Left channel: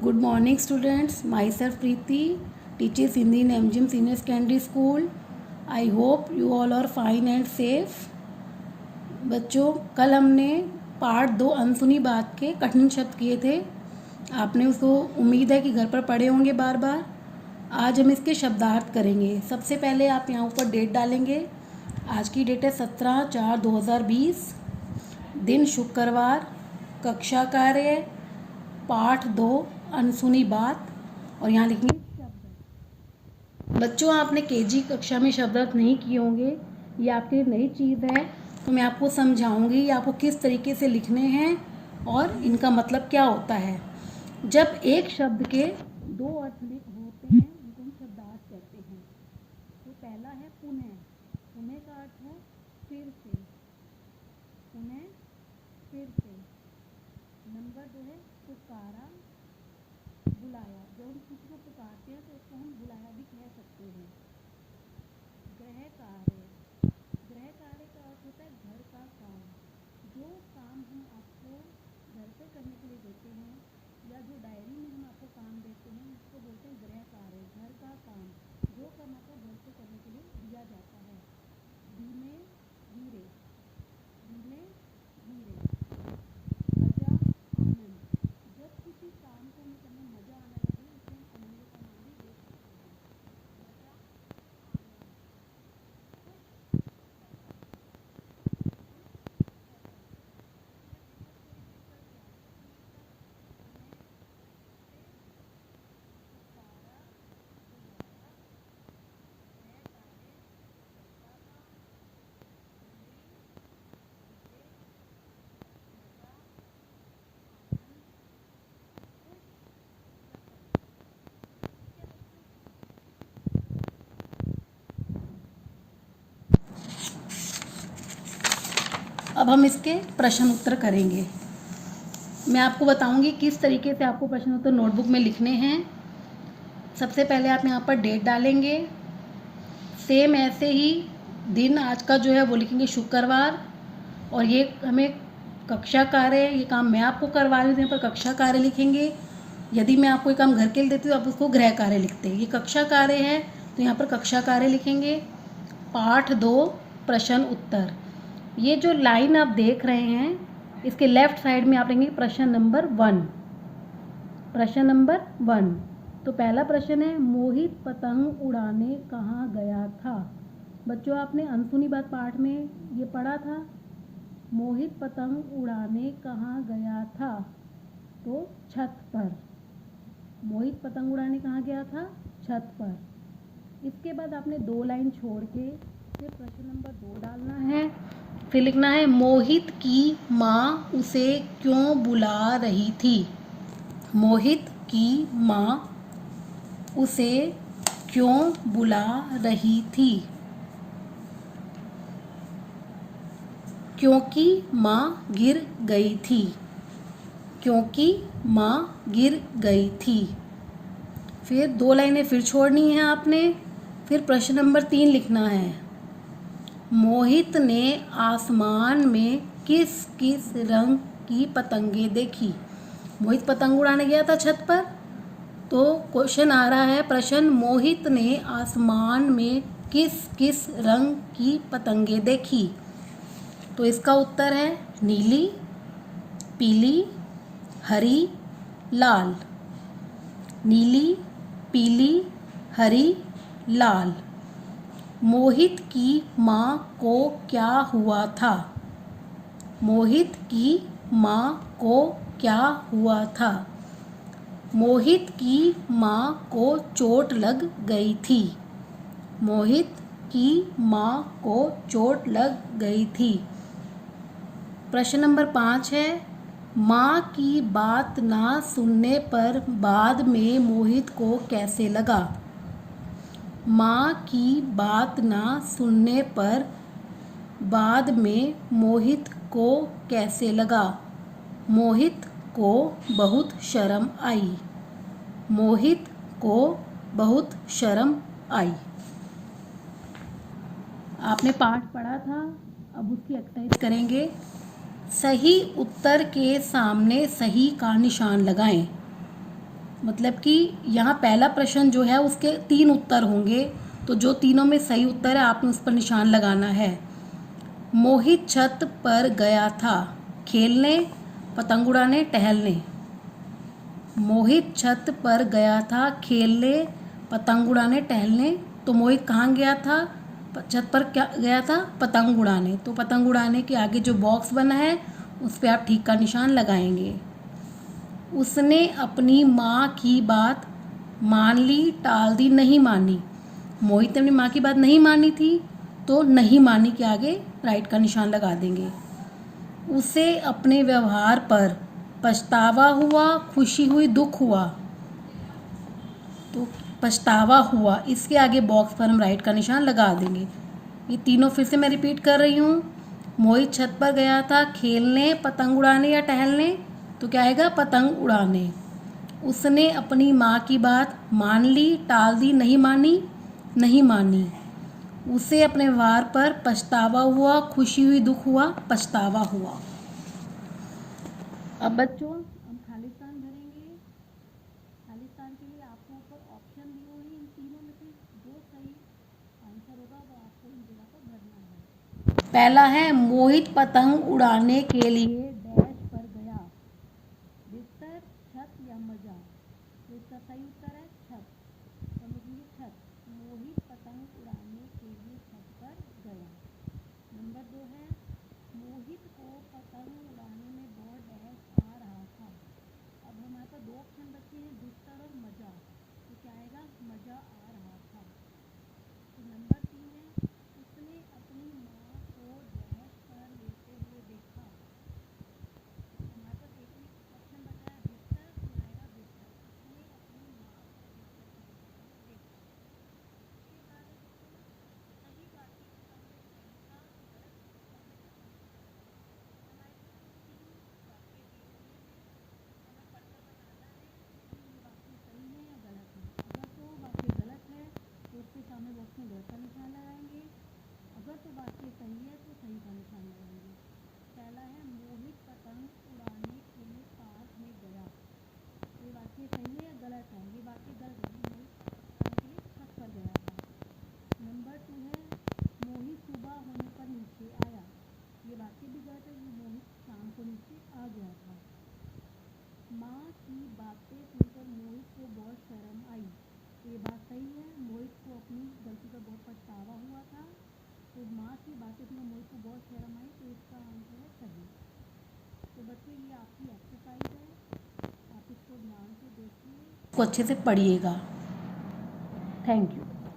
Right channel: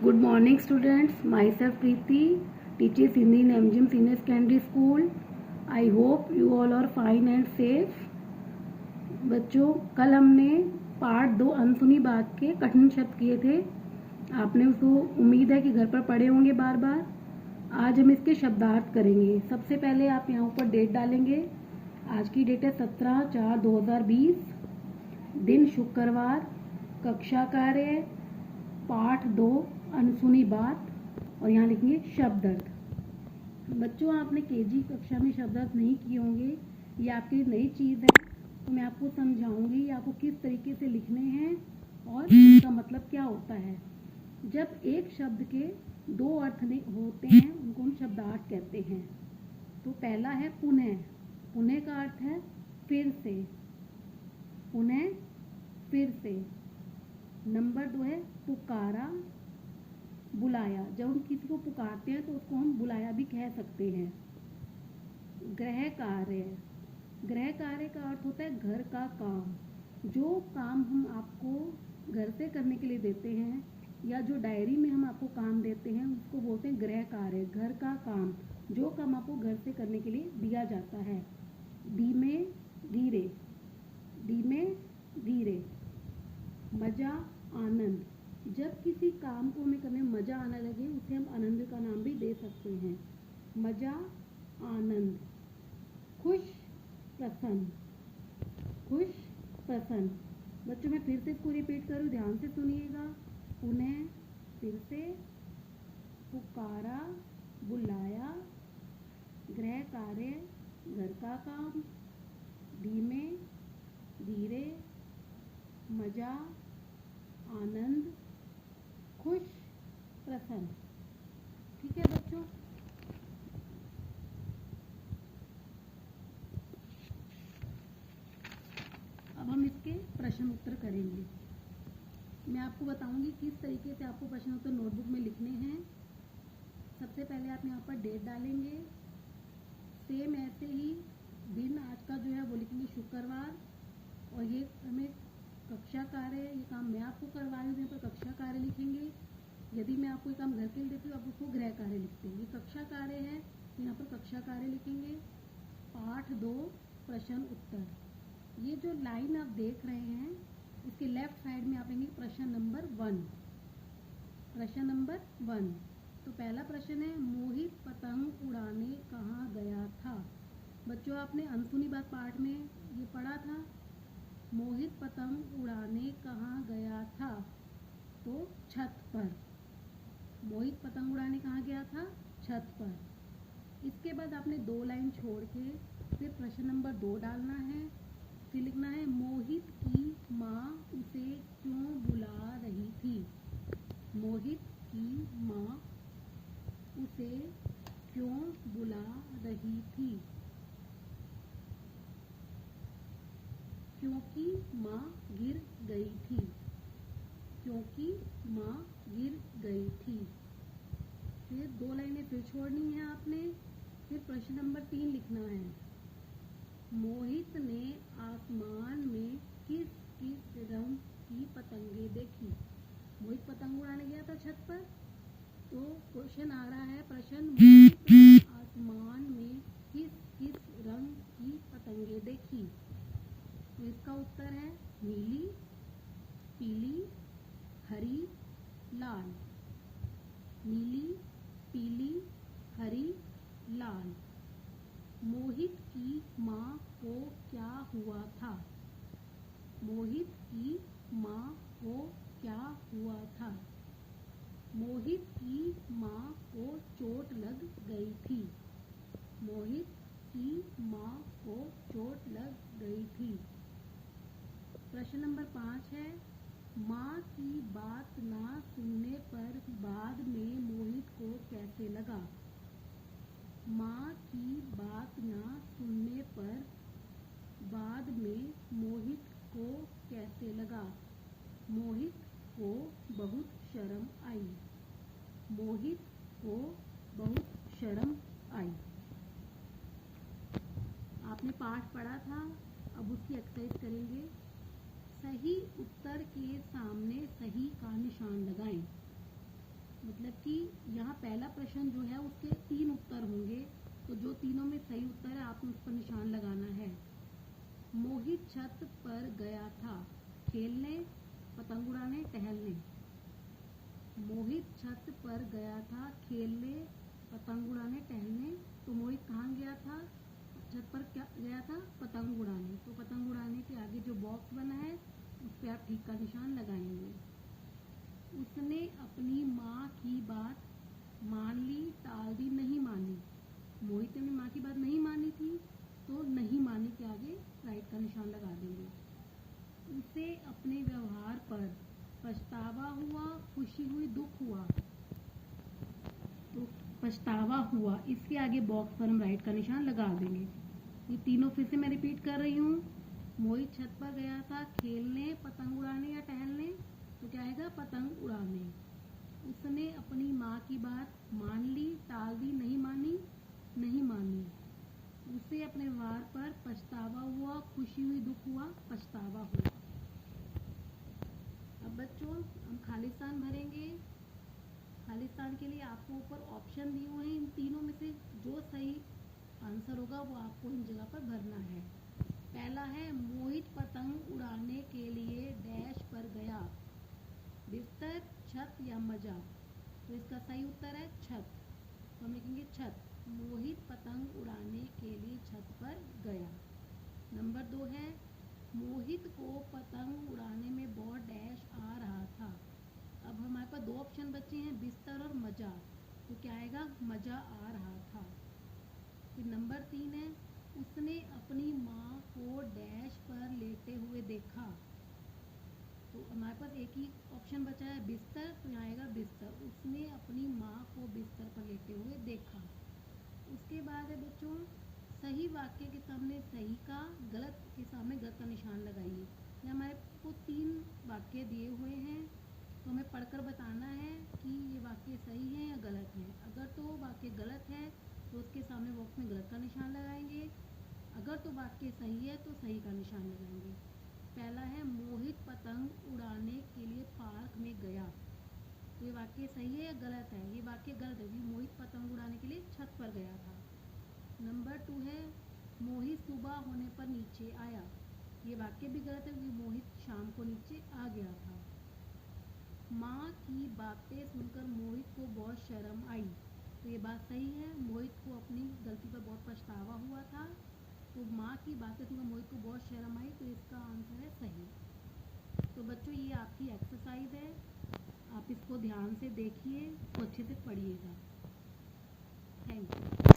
Good morning students, myself Preeti, teaches Hindi in MGM Senior Secondary School. I hope you all are fine and safe. बच्चों, कल हमने part 2 अनसुनी बात के कठिन शब्द किए थे। आपने उसको उम्मीद है कि घर पर पढ़े होंगे बार बार। आज हम इसके शब्दार्थ करेंगे। सबसे पहले आप यहाँ ऊपर डेट डालेंगे। आज की डेट है 17/4/2020, दिन शुक्रवार, कक्षा कार्य पाठ 2 अनसुनी बात, और यहाँ लिखेंगे शब्दार्थ। बच्चों, आपने केजी कक्षा में शब्दार्थ नहीं किए होंगे, ये आपके लिए नई चीज़ है, तो मैं आपको समझाऊंगी आपको किस तरीके से लिखने हैं और इनका मतलब क्या होता है। जब एक शब्द के दो अर्थ होते हैं उनको हम शब्दार्थ कहते हैं। तो पहला है पुनः। पुनः का अर्थ है फिर से, पुनः फिर से। नंबर 2 है पुकारा, बुलाया। जब हम किसी को पुकारते हैं तो उसको हम बुलाया भी कह सकते हैं। गृह कार्य। गृह कार्य का अर्थ होता है घर का काम। जो काम हम आपको घर से करने के लिए देते हैं या जो डायरी में हम आपको काम देते हैं उसको बोलते हैं गृह कार्य, घर का काम। जो काम आपको घर से करने के लिए दिया जाता है। धीमे धीरे, धीमे धीरे। मजा आनंद। जब किसी काम को हमें करने में मजा आने लगे उसे हम आनंद का नाम भी दे सकते हैं। मजा आनंद। खुश प्रसन्न, खुश प्रसन्न। बच्चों, मैं फिर से इसको रिपीट करूँ, ध्यान से सुनिएगा। पुनः, फिर से, पुकारा, बुलाया, गृह कार्य, घर का काम, धीमे धीरे, मजा आनंद, खुश प्रसन्न। ठीक है बच्चों। अब हम इसके प्रश्न उत्तर करेंगे। मैं आपको बताऊंगी किस तरीके से आपको प्रश्न उत्तर नोटबुक में लिखने हैं। सबसे पहले आप यहाँ पर डेट डालेंगे। सेम ऐसे ही दिन आज का जो है वो लिखेंगे शुक्रवार, और ये हमें कक्षा कार्य, ये काम मैं आपको करवा रही हूँ, यहाँ पर कक्षा कार्य लिखेंगे। यदि मैं आपको ये काम घर के लिए देती हूँ आप उसको गृह कार्य लिखते हैं। ये कक्षा कार्य है तो यहाँ पर कक्षा कार्य लिखेंगे। पाठ 2 प्रश्न उत्तर। ये जो लाइन आप देख रहे हैं इसके लेफ्ट साइड में आप लिखेंगे प्रश्न नंबर 1। प्रश्न नंबर 1। तो पहला प्रश्न है, मोहित पतंग उड़ाने कहाँ गया था। बच्चों, आपने अनसुनी बात पाठ में ये पढ़ा था। मोहित पतंग उड़ाने कहाँ गया था, तो छत पर। मोहित पतंग उड़ाने कहाँ गया था, छत पर। इसके बाद आपने 2 लाइन छोड़ के फिर प्रश्न नंबर 2 डालना है। फिर लिखना है, मोहित की माँ उसे क्यों बुला रही थी। मोहित की माँ उसे क्यों बुला रही थी। क्योंकि माँ गिर गई थी, क्योंकि माँ गिर गई थी। फिर 2 लाइनें फिर छोड़नी है आपने। फिर प्रश्न नंबर 3 लिखना है, मोहित ने आसमान में किस किस रंग की पतंगे देखी। मोहित पतंग उड़ाने गया था छत पर, तो क्वेश्चन आ रहा है प्रश्न, मोहित ने आसमान में किस किस रंग की पतंगे देखी। तो इसका उत्तर है नीली, पीली, हरी, लाल। नीली, पीली, हरी, लाल। मोहित की माँ को क्या हुआ था। मोहित की माँ को क्या हुआ था। मोहित की माँ को चोट लग गई थी। मोहित की माँ को चोट लग गई थी। प्रश्न नंबर 5 है, माँ की बात ना सुनने पर बाद में मोहित को कैसे लगा। माँ की बात ना सुनने पर बाद में मोहित को कैसे लगा। मोहित को बहुत शर्म आई। मोहित को बहुत शर्म आई। आपने पाठ पढ़ा था, अब उसकी एक्सरसाइज करेंगे। सही उत्तर के सामने सही का निशान लगाएं। मतलब कि यहाँ पहला प्रश्न जो है उसके 3 उत्तर होंगे, तो जो तीनों में सही उत्तर है आपने उस पर निशान लगाना है। मोहित छत पर गया था खेलने, पतंग उड़ाने, टहलने। मोहित छत पर गया था खेलने, पतंग उड़ाने, टहलने। तो मोहित कहाँ गया था? छत पर क्या गया था? पतंग उड़ाने। तो पतंग उड़ाने के आगे जो बॉक्स बना है उस पर आप ठीक का निशान लगाएंगे। उसने अपनी माँ की बात मान ली, टाल दी, नहीं मानी। मोहित ने अपनी माँ की बात नहीं मानी थी, तो नहीं मानी के आगे राइट का निशान लगा देंगे। उसे अपने व्यवहार पर पछतावा हुआ, खुशी हुई, दुख हुआ। तो पछतावा हुआ, इसके आगे बॉक्स पर हम राइट का निशान लगा देंगे। ये तीनों फिर से मैं रिपीट कर रही हूँ। मोहित छत पर गया था खेलने, पतंग उड़ाने या टहलने। तो क्या आएगा? पतंग उड़ाने। उसने अपनी माँ की बात मान ली, टाल दी, नहीं मानी, नहीं मानी। उसे अपने व्यवहार पर पछतावा हुआ, खुशी हुई, दुख हुआ, पछतावा हुआ। अब बच्चों हम खालिस्तान भरेंगे। खालिस्तान के लिए आपको ऊपर ऑप्शन दिए हुए हैं, इन तीनों में से जो सही आंसर होगा वो आपको इन जगह पर भरना है। पहला है मोहित पतंग उड़ाने के लिए डैश पर गया, बिस्तर, छत या मजा। तो इसका सही उत्तर है छत। तो हम लिखेंगे छत। मोहित पतंग उड़ाने के लिए छत पर गया। नंबर 2 है मोहित को पतंग उड़ाने में बहुत डैश आ रहा था। अब हमारे पास 2 ऑप्शन बचे हैं, बिस्तर और मजा। तो क्या आएगा? मजा आ रहा था। फिर नंबर 3 है उसने अपनी माँ को डैश पर लेटे हुए देखा। तो हमारे पास एक ही ऑप्शन बचा है, बिस्तर। तो यहाँ आएगा बिस्तर। उसने अपनी माँ को बिस्तर पर लेटे हुए देखा। उसके बाद है बच्चों सही वाक्य के सामने सही का, गलत के सामने गलत का निशान लगाइए। यहाँ हमारे को 3 वाक्य दिए हुए हैं, तो हमें पढ़कर बताना है कि ये वाक्य सही है या गलत है। अगर तो वाक्य गलत है तो उसके सामने बॉक्स में गलत का निशान लगाएंगे। अगर तो वाक्य सही है तो सही का निशान लगाएंगे। पहला है मोहित पतंग उड़ाने के लिए पार्क में गया। तो ये वाक्य सही है या गलत है? ये वाक्य गलत है, मोहित पतंग उड़ाने के लिए छत पर गया था। नंबर 2 है मोहित सुबह होने पर नीचे आया। ये वाक्य भी गलत है क्योंकि मोहित शाम को नीचे आ गया था। माँ की बातें सुनकर मोहित को बहुत शर्म आई। तो ये बात सही है, मोहित को अपनी गलती पर बहुत पछतावा हुआ था। तो माँ की बातें सुनकर मोहित को बहुत शर्म आई, तो इसका आंसर है सही। तो बच्चों ये आपकी एक्सरसाइज है, आप इसको ध्यान से देखिए, इसको अच्छे से पढ़िएगा। Thank you.